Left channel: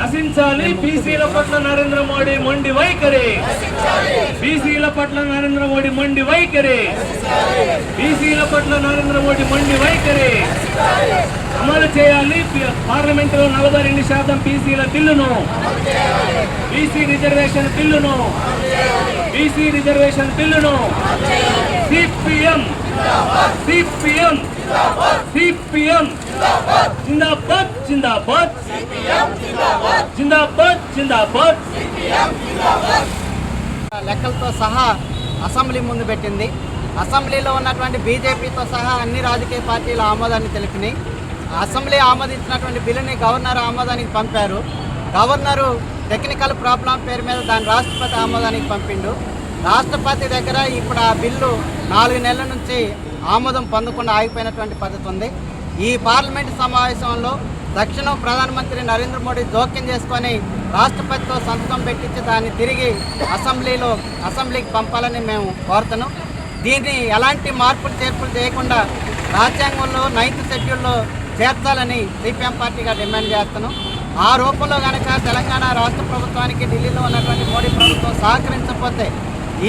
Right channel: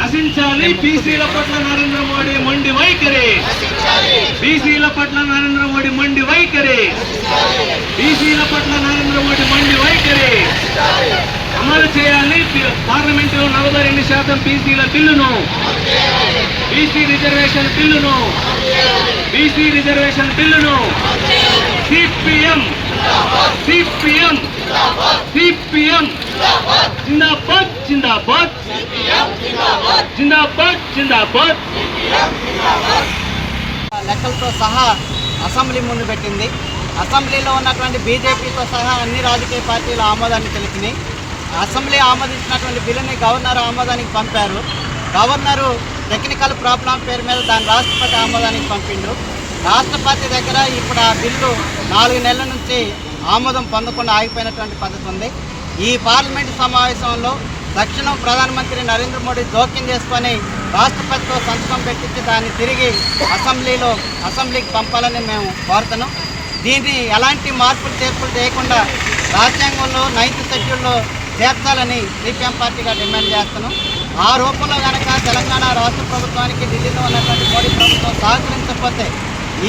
నశించాలి బీసీల పట్ల నరేంద్ర మోడీ మొండి వైఖరి. బీసీల పట్ల నరేంద్ర మోడీ మొండి వైఖరి. బీసీల పట్ల నరేంద్ర మోడీ మొండి వైఖరి. అమలు చేయాలి. పార్లమెంట్లో నలభై రెండు శాతం బీసీల బిల్లును. బీసీ రిజర్వేషన్ బిల్లును. బీసీ రిజర్వేషన్ బిల్లును. CPM CPM. సిపిఎం. జిందాబాద్ జిందాబాద్. జిందాబాద్ జిందాబాద్. లెక్కలతో సహా అసెంబ్లీ ముందు పెట్టింది. అసెంబ్లీలో ఉన్నటువంటి బీజేపీతో సహా అన్ని రాజకీయ పార్టీలు ఆమోదాన్ని తెలిపినాయి. అసెంబ్లీ ఆమోదించినటువంటి బిల్లుని గవర్నర్ ఆమోదానికి పంపారు. గవర్నరు టెక్నికల్ ప్రాబ్లం పేరు మీద దాని రాష్ట్రపతి ఆమోదానికి పంపిండు రాష్ట్రపతి దగ్గర ఇప్పుడు ఆ బిల్లు నాలుగు నెలల నుంచి ఆమోదం పొందకుండా ఆగిపోయినటువంటి పద్ధతి ఉంది. ఈ పార్లమెంట్ సమావేశంలో తక్షణం ప్రధానమంత్రి నరేంద్ర మోడీ జోక్యం చేసుకొని రాష్ట్రపతితో సంతకం పెట్టించి దాన్ని తిరిగి అసెంబ్లీలో అసెంబ్లీకి పంపాలని మేము కోరుతున్నాం. దీన్ని ఎలాంటి మార్పులు చేర్పులు చేయకుండా రాజ్యాంగంలో నైన్త్ షెడ్యూల్లో చేర్చాలని సిపిఎం పార్టీగా డిమాండ్ చేస్తున్నాం. ఆ రూపంలో కనుక తెలంగాణ రాష్ట్ర ప్రభుత్వానికి ఢిల్లీలో ఉన్నటువంటి మోడీ ప్రభుత్వం సహకరించకపోతే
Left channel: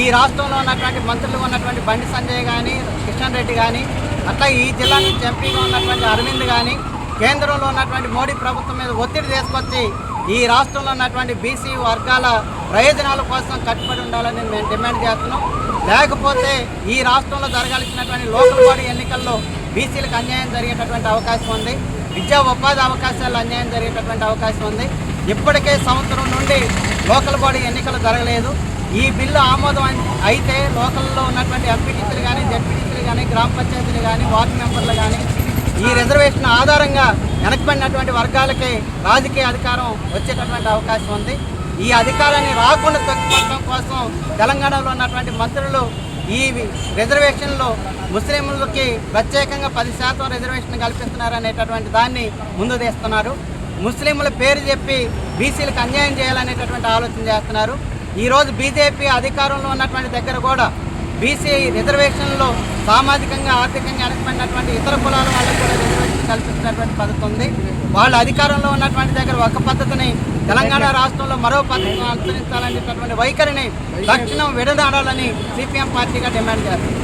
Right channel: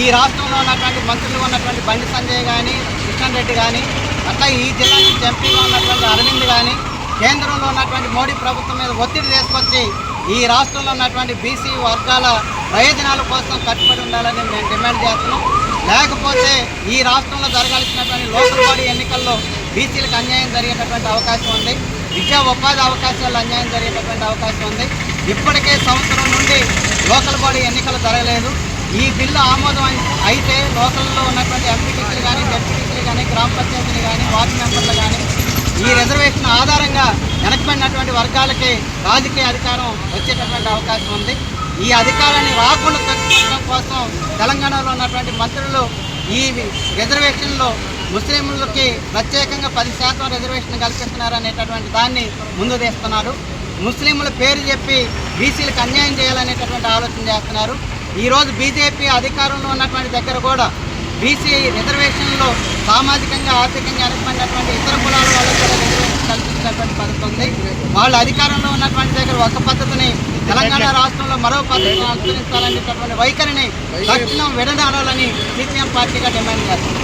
ఈ రాష్ట్రంలో ఉన్నటువంటి మంత్రులు ఉన్నటువంటి బండి సంజయ్ కానీ కిషన్ రెడ్డి కానీ అట్లా ఈ జిల్లా నుంచి ఎంపీగా ఉన్నటువంటి అరవింద్ కానీ కేంద్రంలో ఉన్నటువంటి మోడీ ప్రభుత్వం మీద ఒత్తిడి తీసుకొచ్చి ఈ రాష్ట్రంలో ఉన్నటువంటి బీసీ వర్గాల ప్రయోజనాల కోసం కట్టుబడి ఉండాలని మేము డిమాండ్ చేస్తున్నాం. లేకపోతే ఈ రాష్ట్రంలో జరగాల్సినటువంటి లోకల్ బాడీ ఎన్నికల్లో బీసీలకు అన్యాయం జరిగేటటువంటి అవకాశం ఉంది. విద్యా ఉపాధి అవకాశాలు అన్యాయం జరిగేటటువంటి అవకాశం ఉంది. ఇప్పటికే సంవత్సరం నుండి లోకల్ బాడీ ఎన్నికలు జరగలేదు. ఈ బిల్లు ఆమోదం అయితే లోకల్లో ఉన్నటువంటి ఎంపీటీసీలు కానీ జడ్పీటీసీలు కానీ గ్రామ పంచాయతీలు కానీ వార్డు మెంబర్లు కానీ ఈ రిజర్వేషన్ ఆధారంగా వెనకబడినటువంటి వర్గాలకి రాజకీయ అధికారం వచ్చేటటువంటి అవకాశం ఉంది. ఈ అధికారాన్ని రాకుండా తగ్గించడం కోసం తెలంగాణలో ఉన్నటువంటి మంత్రులు ఈ రిజర్వేషన్లో ముస్లింలకి ప్రత్యేకంగా పది శాతం రిజర్వేషన్ కల్పిస్తున్నారు అనేటటువంటి దాన్ని ముందు తీస్తున్నారు. ముస్లింల పేరు చెప్పి బీసీలకు అన్యాయం చేయాలనేటటువంటి ఆలోచన చేస్తున్నారు. ఈరోజు బీజేపీ అధికారంలో ఉన్నటువంటి దగ్గర కూడా బీసీ రిజర్వేషన్లో సామాజికంగా ఆర్థికంగా వెనకబడినటువంటి ఇతర కులాల వాళ్ళకు కూడా రిజర్వేషన్ కల్పించినటువంటి పద్ధతి ఉంది. వాళ్ళు అధికారంలో ఉన్నటువంటి దగ్గర ఒక పద్ధతిని తెలంగాణ రాష్ట్రంలో మరో పద్ధతిని అనుసరించాలనేటటువంటి వైఖరిని తక్షణం విడదాడాలని సిపిఎం పార్టీగా డిమాండ్ చేస్తుంది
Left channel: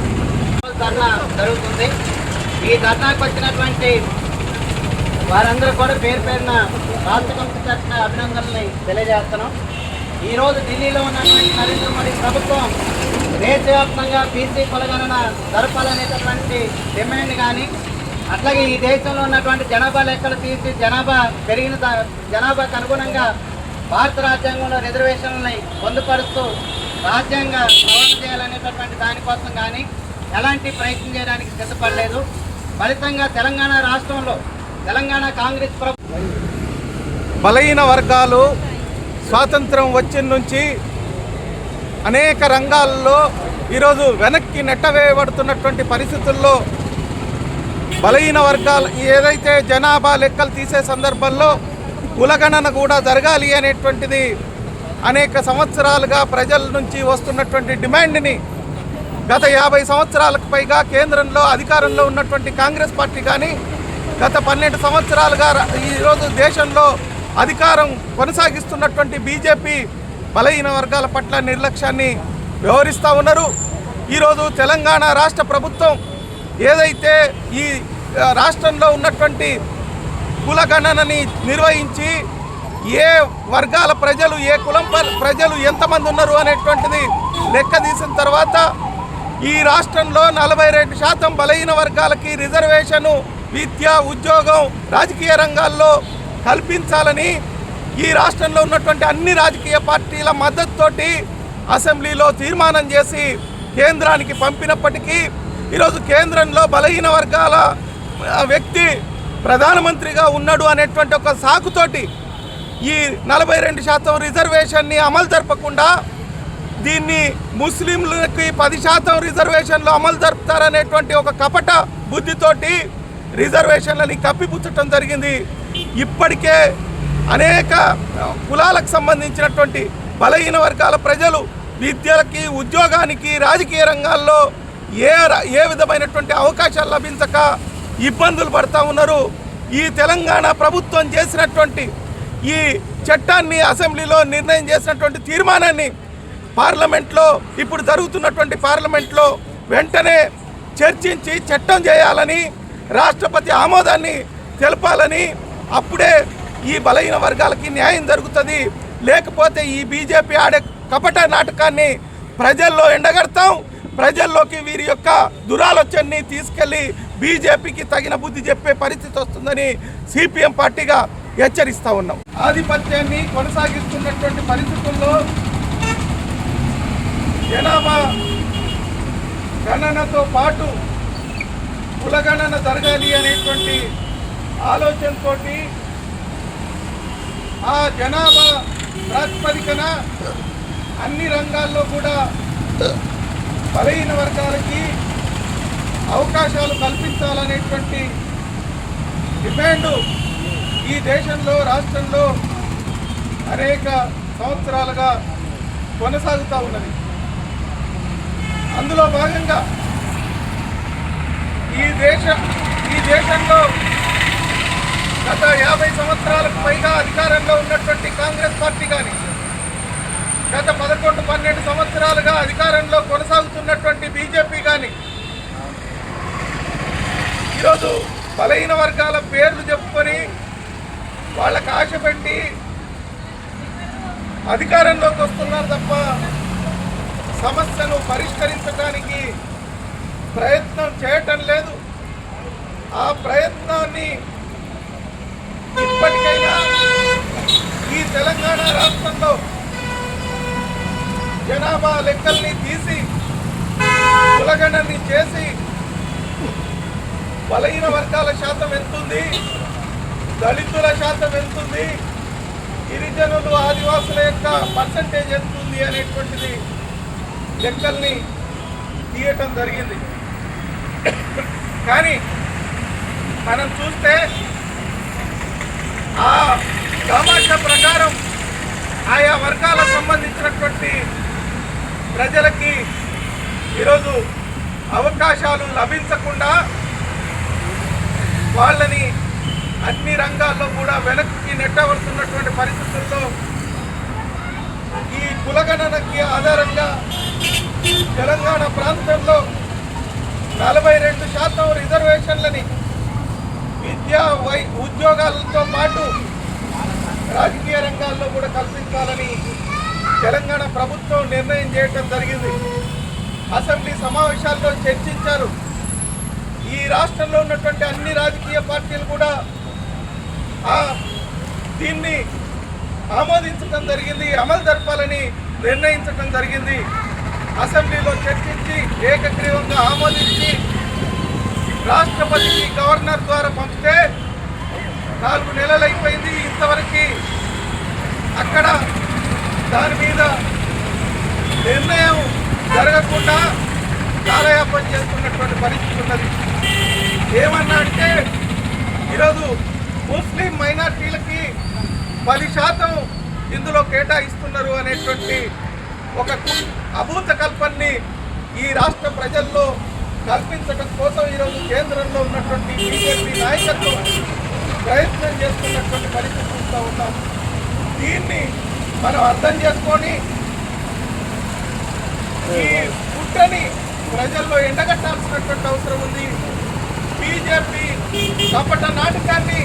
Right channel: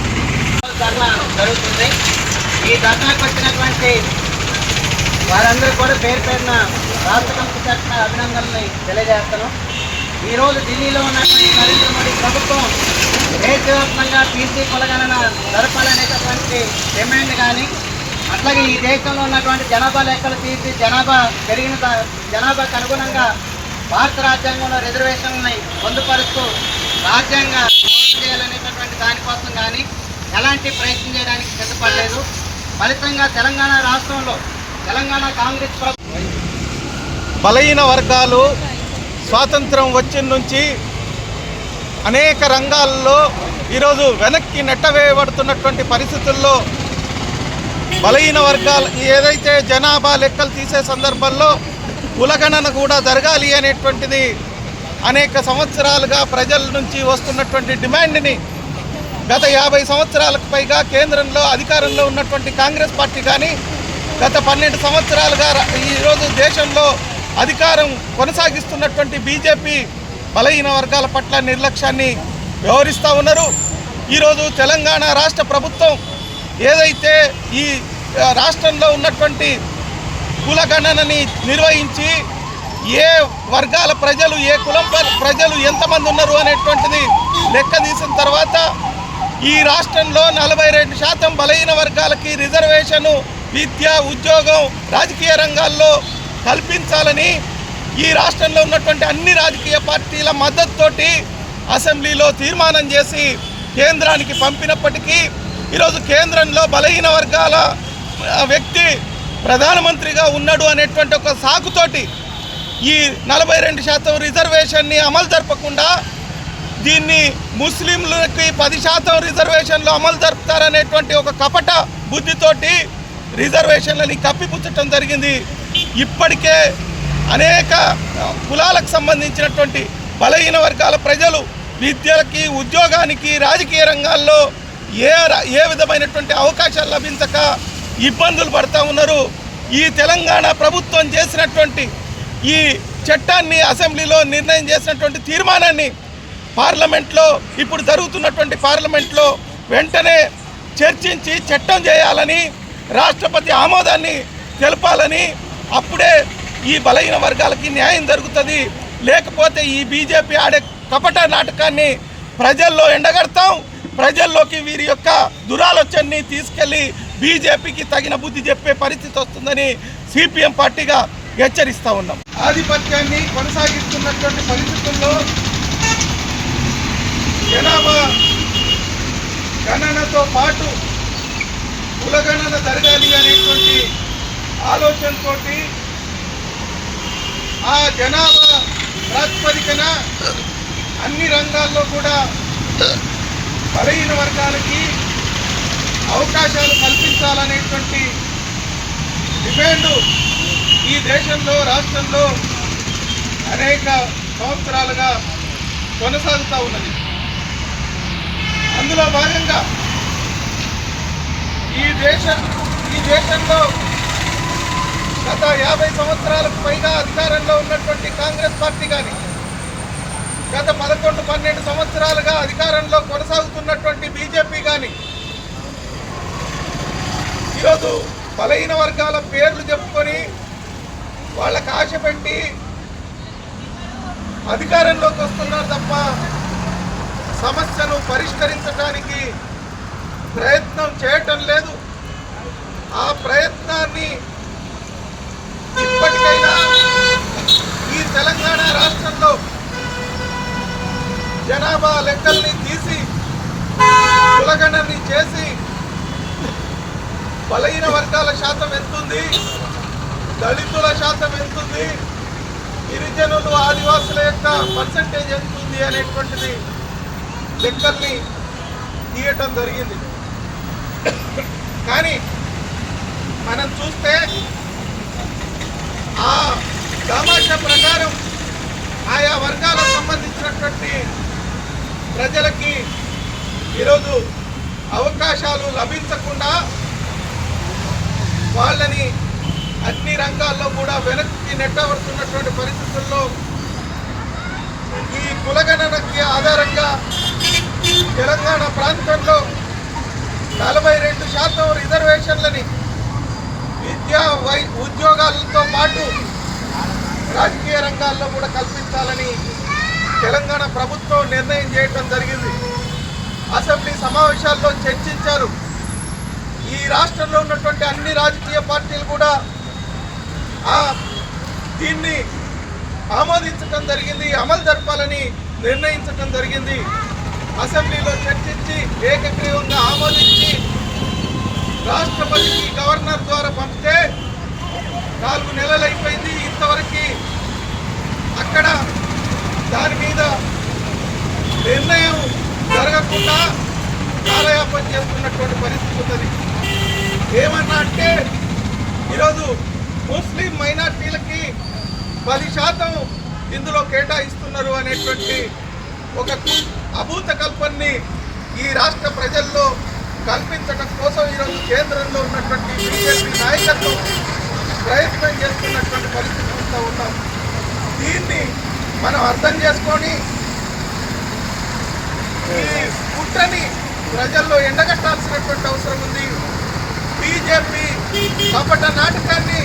ధర్నా జరుగుతుంది. ఈ ధర్నాకు వచ్చినటువంటి వారందరూ కూడా పేరు పేరున రాష్ట్ర కమిటీ తరఫున అభినందనల్ని తెలియజేస్తున్నాం. ఈరోజు ఢిల్లీలో ఉన్నటువంటి నరేంద్ర మోడీ ప్రభుత్వం దేశవ్యాప్తంగా బీసీ కులగణన జరపాలనేటటువంటి డిమాండ్ కానీ అట్లాగే ఈ దేశంలో ఉన్నటువంటి జనాభా లెక్కలు తీసి జనాభా పెరిగిన జనాభాకు అనుగుణంగా భారత రాజ్యాంగంలో రిజర్వేషన్లని పొందుపరుస్తూ రాజ్యాంగ సవరణ చేయాలనేటటువంటి దానికోసం కానీ ఎలాంటి ప్రయత్నం చేయడానికి సిద్ధపడలేదు. ఫలితంగా తెలంగాణ రాష్ట్రంలో తెలంగాణ కాంగ్రెస్ ప్రభుత్వం బలహీన వర్గాలు స్వాతంత్రం వచ్చిన నుంచి అనేక రంగాల్లో ఈరోజు వెనక్కి నెట్టవేయబడుతున్నటువంటి పరిస్థితుల్లో బలహీన వర్గాలు ఏదైతే జనాభా లెక్కలు తీసే సందర్భంలో కులగణన కూడా జరగాలి అనేటువంటిది అనేక సంవత్సరాలుగా ప్రజల నుంచి వస్తున్నటువంటి డిమాండ్ని గత యాభై సంవత్సరాలకు పైగా కేంద్రంలో అధికారంలో ఉన్నటువంటి కాంగ్రెస్ పార్టీ కానీ గత పన్నెండు సంవత్సరాలుగా ఈరోజు దేశంలో అధికారం కొనసాగిస్తున్నటువంటి బీజేపీ బలహీన వర్గాల పట్ల నిర్లక్ష్యాన్ని వ్యవహరిస్తూ ఉన్నారు. ఈరోజు తెలంగాణ రాష్ట్ర ప్రభుత్వం ఏదైతే ఈ రాష్ట్రంలో ఉన్నటువంటి కులగణనని నిర్వహించి ఏ వర్గాల ప్రజలు ఏ కులం ప్రజలు ఎంతమంది ఉన్నారు అనేటువంటిది లెక్క తీసిన తర్వాత ఈ రాష్ట్రంలో నలభై రెండు శాతం బలహీన వర్గాలకి రిజర్వేషను విద్య ఉద్యోగం రాజకీయ రంగాల్లో కల్పించాలని ఈ రాష్ట్రంలో ఉన్నటువంటి అన్ని రాజకీయ పార్టీల మద్దతుతోటి అసెంబ్లీలో తీర్మానం చేసి కేంద్రానికి పంపినప్పటికీ ఈరోజు కేంద్రంలో బలహీన వర్గాల వ్యక్తి ప్రధానమంత్రిగా ఉన్నాడు అనేటువంటి ఒక సాకుతోటి ఈ నలభై రెండు శాతం రిజర్వేషన్ని అమలు జరపకుండా దీన్ని ముస్లింలకి పది శాతం రిజర్వేషన్లు అమలు జరుపుతారనేటువంటి ఒక కపట బుద్ధితోటి రిజర్వేషన్లని కప్పిపుచ్చటం జరిగింది. ఇప్పటికే అనేక కులాలకు సంబంధించినటువంటి బలహీన వర్గాల ప్రజలు విద్యలకి ఉద్యోగానికి రాజకీయ రంగాల్లో ఏ ఏ విధమైనటువంటి అవకాశాలు లభించక ఇబ్బందులు పడతా ఉన్నారు. ఈ తెలంగాణ ప్రభుత్వం చేసినటువంటి ఈ చట్టాన్ని అసెంబ్లీలో నిర్ణయం చేసినటువంటి తీర్మానాన్ని పార్లమెంట్లో ఇప్పుడు జరుగుతున్నటువంటి పార్లమెంట్లో వెంటనే చర్చించి చట్టం చేయాలని రాష్ట్రపతి ఆమోదాన్ని తెలపాలని అప్పుడే ఈ బలహీన వర్గాలకి న్యాయం జరుగుతుంది. లేకపోతే ఈ బీజేపీ ఆడే కపట నాటకాన్ని ప్రజల్లో ఎండగడతాం. ప్రజల్లోకి వీరి యొక్క దురాలోచనని తీసుకెళ్ళి బీజేపీకి తగిన బుద్ధి చెప్పే పరిస్థితి వస్తుందని సిపిఎం పార్టీగా హెచ్చరిస్తూ ఉన్నాం. ఆధిపత్యాన్ని కొనసాగిస్తున్నటువంటి పరిస్థితుల్లో జనాభా గణనతో పాటు కులగణన జరగాలి అనేటువంటి ఆలోచనతోటి ఆ జనాభా ప్రాతిపదికన అన్ని రంగాల్లో కూడా బలహీన వర్గాలకి అవకాశాలు కల్పించాలనేటువంటి డిమాండ్ ఈ దేశంలో రాష్ట్రంలో అనేక సంవత్సరాలుగా కొనసాగుతూ ఉన్నది. అందులో భాగంగా ఈ దేశ ఈ దేశంలో గత యాభై సంవత్సరాలకు పైగా అధికారంలో ఉన్నటువంటి కాంగ్రెస్ పార్టీ కానీ గత పదకొండు పన్నెండు సంవత్సరాలుగా అధికారంలో కొనసాగుతున్నటువంటి బీజేపీ కానీ ఈరోజు బలహీన వర్గాల పేర్లు చెప్పుకొని వాళ్ళకు ఆశ పెట్టి అధికారంలోకి వస్తున్నారు తప్ప సమస్యను పరిష్కరించడానికి ప్రయత్నం చేయటం లేదు. ఆ ప్రయత్నాన్ని ఇప్పటికైనా ఈ తెలంగాణ రాష్ట్రంలో జనాభా లెక్కల్ని తీసి కులగణని చేసి బలహీన వర్గాల శాతం ఎంతుంది దళితుల శాతం ఎంతుంది గిరిజనులు ఆదివాసుల యొక్క పర్సంటేజ్ ఎంతుంది అనేటువంటిది లెక్కల్ని తీయటం జరిగింది. కానీ మనం చూస్తే ఆ తమాషా ప్రకారం ఆయా వర్గాలకు సంబంధించినటువంటి ప్రజలకి ఈరోజు అవకాశాలు లభించకుండా వాళ్ళని అన్ని రంగాల్లో కూడా వెనక్కి నెట్టవలసినటువంటి పరిస్థితుల్లో ఈ కులగణనకి ఆధారంగా తెలంగాణ ప్రాంతంలో నలభై రెండు శాతం రిజర్వేషన్లని విద్యా వై ఉద్యోగాలతో పాటు రాజకీయ రంగాల్లో కూడా కల్పించాలని తెలంగాణ ప్రభుత్వం నిర్ణయం చేయటం జరిగింది. అసెంబ్లీ సమావేశాల్లో చర్చించారు. ఈ రాష్ట్రంలో ఉన్నటువంటి అన్ని రాజకీయ పార్టీలు కూడా దీన్ని ఆమోదించడం జరిగింది అమలు జరపాలని నిర్ణయించడం జరిగింది. అసెంబ్లీలో చర్చించి ఏకగ్రీవంగా ఆమోదించి రాష్ట్రపతికి గవర్నర్ ద్వారా పంపితే నాలుగు నెలలు అయిపోయింది. ఇంతవరకు అక్కడ దాని మీద నిర్ణయం జరగకుండా కాలయాపన చేస్తున్నటువంటి పరిస్థితి ఉన్నది. ఏమన్నా అంటే ఈరోజు ముస్లిం మైనార్టీలకి పది శాతం ఇందులో కేటాయిస్తున్నారు అనేటువంటి ఒక కు- అభూత కల్పనని ఈ రాష్ట్ర ప్రజల్లో కల్పించడం కోసం ఈరోజు కేంద్రంలో ఉన్నటువంటి బీజేపీ నాయకత్వం ప్రయత్నం చేస్తున్నటువంటి పరిస్థితి చూస్తూ ఉన్నాం దీన్ని మనం అర్థం చేసుకొని ఈ పుట్టని ప్రజల్లో ఎండగట్టాల్సినటువంటి అవసరం ఉంది. బీజేపీ కపట నాటకాన్ని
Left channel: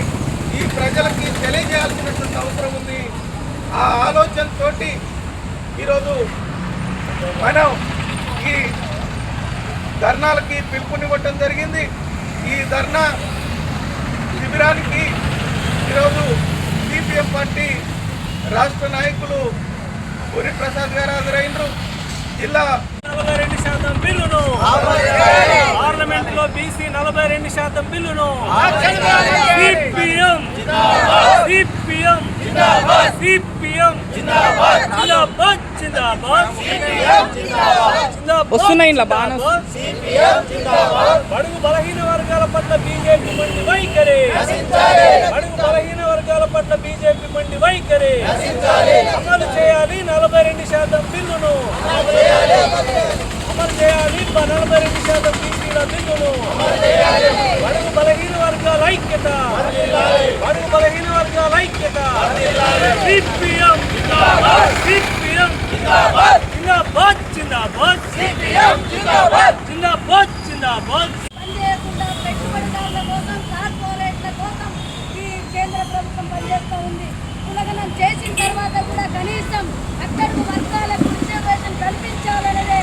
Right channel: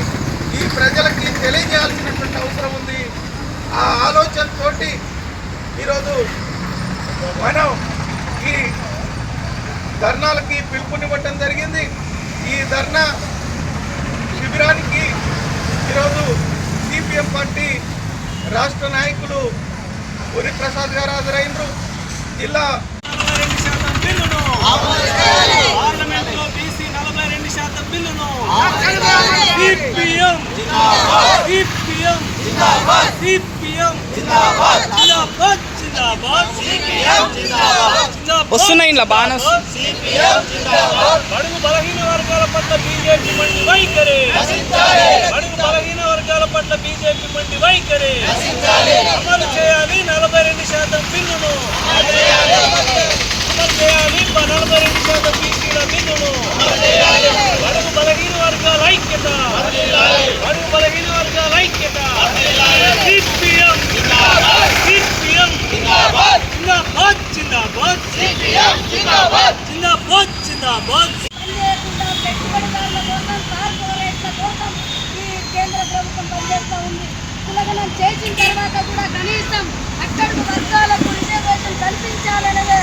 ఈ ప్రజలకి తెలియజేయాల్సినటువంటి అవసరం ఉంది. ఆ ఆలోచనతో ఈరోజు మనం ఈ ధర్నాలకి పిలుపునివ్వటం జరిగింది. ఈ ధర్నా శిబిరానికి ఈరోజు సిపిఎం పార్టీ రాష్ట్ర నాయకులు పురి ప్రసాద్ గారు హాజరైనరు జిల్లా బిల్లును పార్లమెంట్లో బీసీ నలభై రెండు శాతం బిల్లును సిపిఎం సిపిఎం సిపిఎం. జిందాబాద్. జిందాబాద్ వస్తున్నాయి ఇలా బాగానే బడుగు బలహీన వర్గాల పట్ల బీజేపీ మండి వైఖరి. బడుగు బలహీన వర్గాల పట్ల బీజేపీ మండి వైఖరి. అమలు చేయాలి నలభై రెండు శాతం బిల్లును. అమలు చేయాలి. నలభై రెండు శాతం బీసీల బిల్లును బడుగు బలహీన వర్గాల ఐక్యత. బడుగు బలహీన వర్గాల ఐక్యత. సిపిఎం. సిపిఎం. జిందాబాద్ జిందాబాద్. జిందాబాద్. జిందాబాద్ పనిచేయకుండా పెట్టుబడిదారుల కోసం కార్పొరేట్ల కోసం ఈ కేంద్ర ప్రభుత్వం పనిచేస్తూ ఉంది. ఉల్లంఘనం చేసిన తర్వాత కూడా కనీసం అట్టడుగు వర్గాలకు రిజర్వేషన్ కల్పించాలనేదే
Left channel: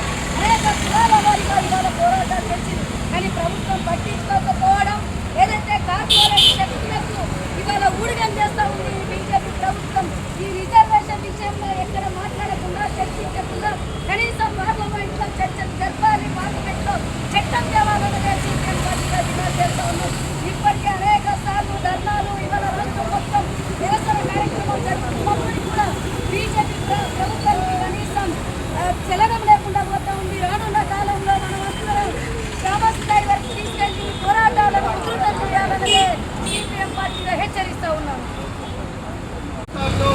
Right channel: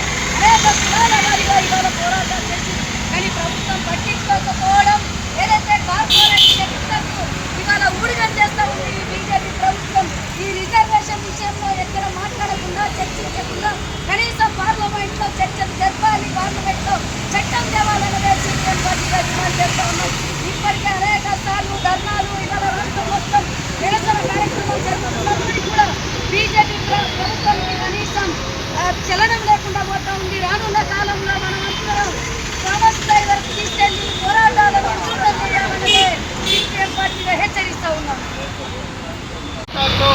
అనేక కులాల వారిగా ఇవాళ పోరాటాలు చేసి కానీ ప్రభుత్వం పట్టించుకోకపోవడం ఏదైతే కార్పొరేట్ శక్తులకు ఇవాళ ఊడిగం చేస్తున్నారు ఉంది ఈ బీజేపీ ప్రభుత్వం ఈ రిజర్వేషన్ విషయంలో ఎక్కడ మాట్లాడకుండా చర్చించకుండా కనీసం పార్లమెంట్లో చర్చలు జరపాలి పార్లమెంట్లో చట్టం తేవాలనే సీపీఎం పార్టీగా డిమాండ్ చేస్తూ ఉన్నాం ఇప్పటికే అనేక సార్లు ధర్నాలు ఇవాళ రాష్ట్రం మొత్తం నిరసన కార్యక్రమాలు జరుగుతున్నప్పటికీ కూడా బీజేపీ ప్ర- ప్రభుత్వానికి కనీసం ఆ, చలనం లేకుండా పోతా ఉంది రానున్న కాలంలో మనం అందరం గ్రామస్థాయి వరకు తీసుకెళ్ళి పోరాటాలను ఉధృతం చేయాలనే సీపీఎం పార్టీగా హెచ్చరిస్తూ ఉన్నాం రాష్ట్రాల్లో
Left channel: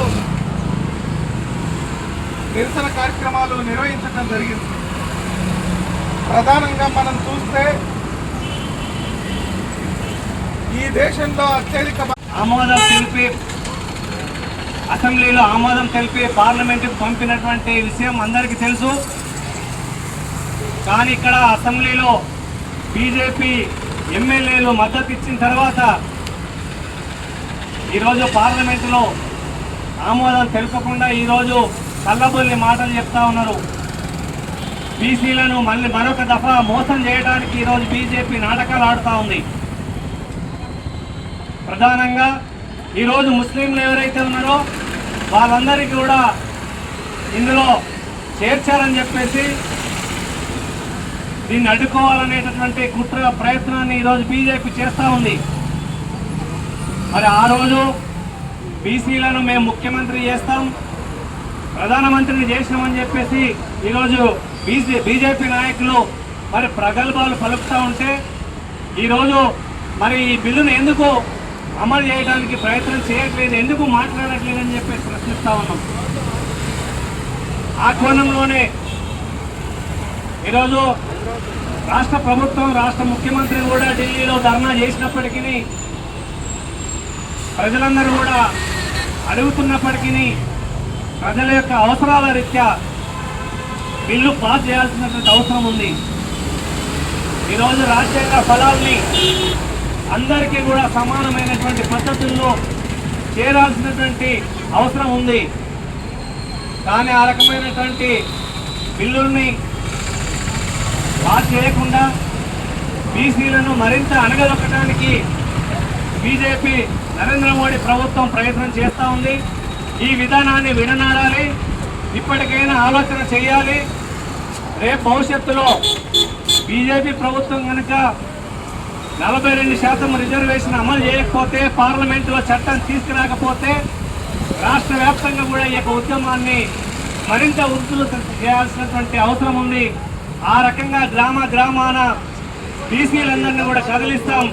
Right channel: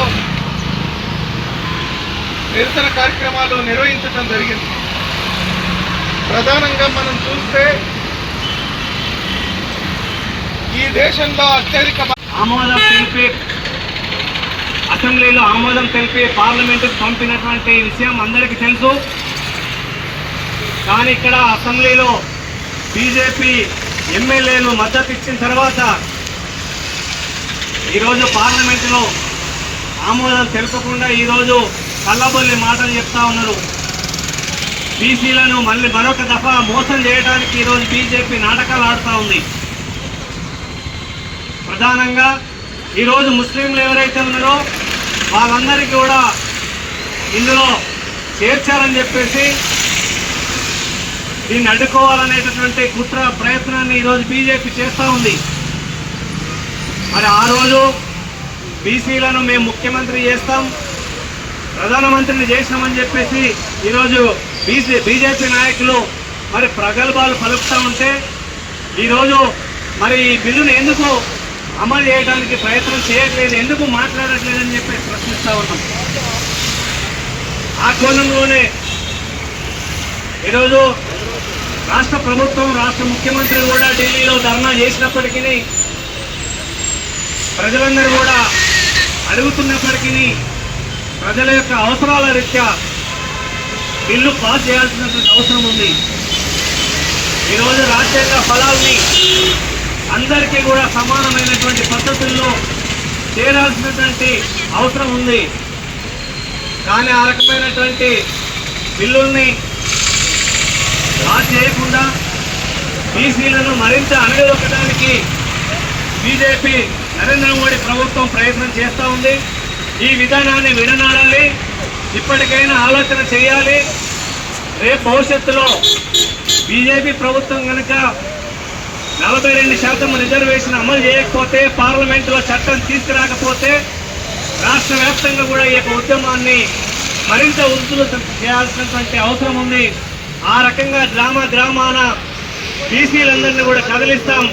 నిరసన కార్యక్రమాలు నిర్వహించడం జరిగింది. ప్రధానంగా మనం చూస్తే ఈ దేశంలో అత్యధిక ఆమోదం తెలిపి అసెంబ్లీలో ఆమోదం తెలిపి పార్లమెంటుకు పంపినటువంటి విషయం అందరికీ తెలుసు. కానీ ఇక్కడ అసెంబ్లీలో బీజేపీ ఎమ్మెల్యేలు మద్దతు ఇచ్చిన తర్వాత ఈరోజు పార్లమెంటులో ఆమోదం తెలుపకుండా ఈరోజు కళ్ళబొల్లి మాటలు చెప్తా ఉన్నారు. బీసీలను మళ్ళీ మరొక దఫా మోసం చేయడానికి ఈరోజు బీజేపీ నాటకాలు ఆడుతూ ఉంది. ప్రధానంగా ఈరోజు ముస్లింలు ఎవరైతే ఉన్నారో వాళ్ళందరికీ కూడా ఇందులో చేర్చాలని చెప్పేసి దీన్ని అడ్డుకోవాలనేటటువంటి కుట్ర ప్రయత్నాన్ని ఈరోజు బీజేపీ చేస్తూ ఉంది. మరి ఆ రోజు బీసీలను మేము ముఖ్యమంత్రి చేస్తాం. ప్రధానమంత్రిని చేసినామని చెప్పేసి ఈరోజు బీజే బీజేపీ నాయకులు మరి ప్రగల్భాలు పలుకుతూ ఉంటే ఈరోజు మరి ఈ బిల్లును ఎందుకు అమలు చేయడానికి ప్రయత్నం చేయట్లేదు ఎందుకు మాట్లాడట్లేదని చెప్పేసి ప్రశ్నిస్తూ ఉన్నాం. ఆ కోణంలోనే ఈరోజు రాష్ట్ర ప్రభుత్వం రాష్ట్ర ముఖ్యమంత్రి కూడా ఢిల్లీలో ధర్నా చేసినప్పటికీ ప్రజలందరూ కూడా అడుగుతున్నప్పటికీ ప్రజల యొక్క అవసరాల రీత్యా బిల్లు పాస్ చేయాల్సినటువంటి అవసరం ఉంది. ఈరోజు రాజ్యాంగ ఫలాల్ని అందరికీ కూడా సమానమైనటువంటి పద్ధతుల్లో చేరాల్సినటువంటి అవసరం ఉంది. కానీ ఆ రకమైనటువంటి బిల్లుల్ని పాస్ చేయకుండా బీసీలను మరింత అణగదొక్కడానికి బీజేపీ నరేంద్ర మోడీ ప్రభుత్వం ప్రయత్నం చేస్తూ ఉంది. ఈ విధానాన్ని విడనాడాలి ఇప్పటికైనా ఆలోచన చేయాలి. రేపు భవిష్యత్తులో బీజేపీ ప్రభుత్వం కనుక నలభై రెండు శాతం రిజర్వేషన్ అమలు చేయకపోతే పార్లమెంటులో చట్టం తీసుకురాకపోతే రాష్ట్ర వ్యాప్తంగా కూడా ఈ యొక్క ఉద్యమాన్ని మరింత ఉధృతం చేయాల్సినటువంటి అవసరం ఉంది. ఆ రకంగా గ్రామ గ్రామాన బీసీలందరినీ కూడా కదిలిస్తాం.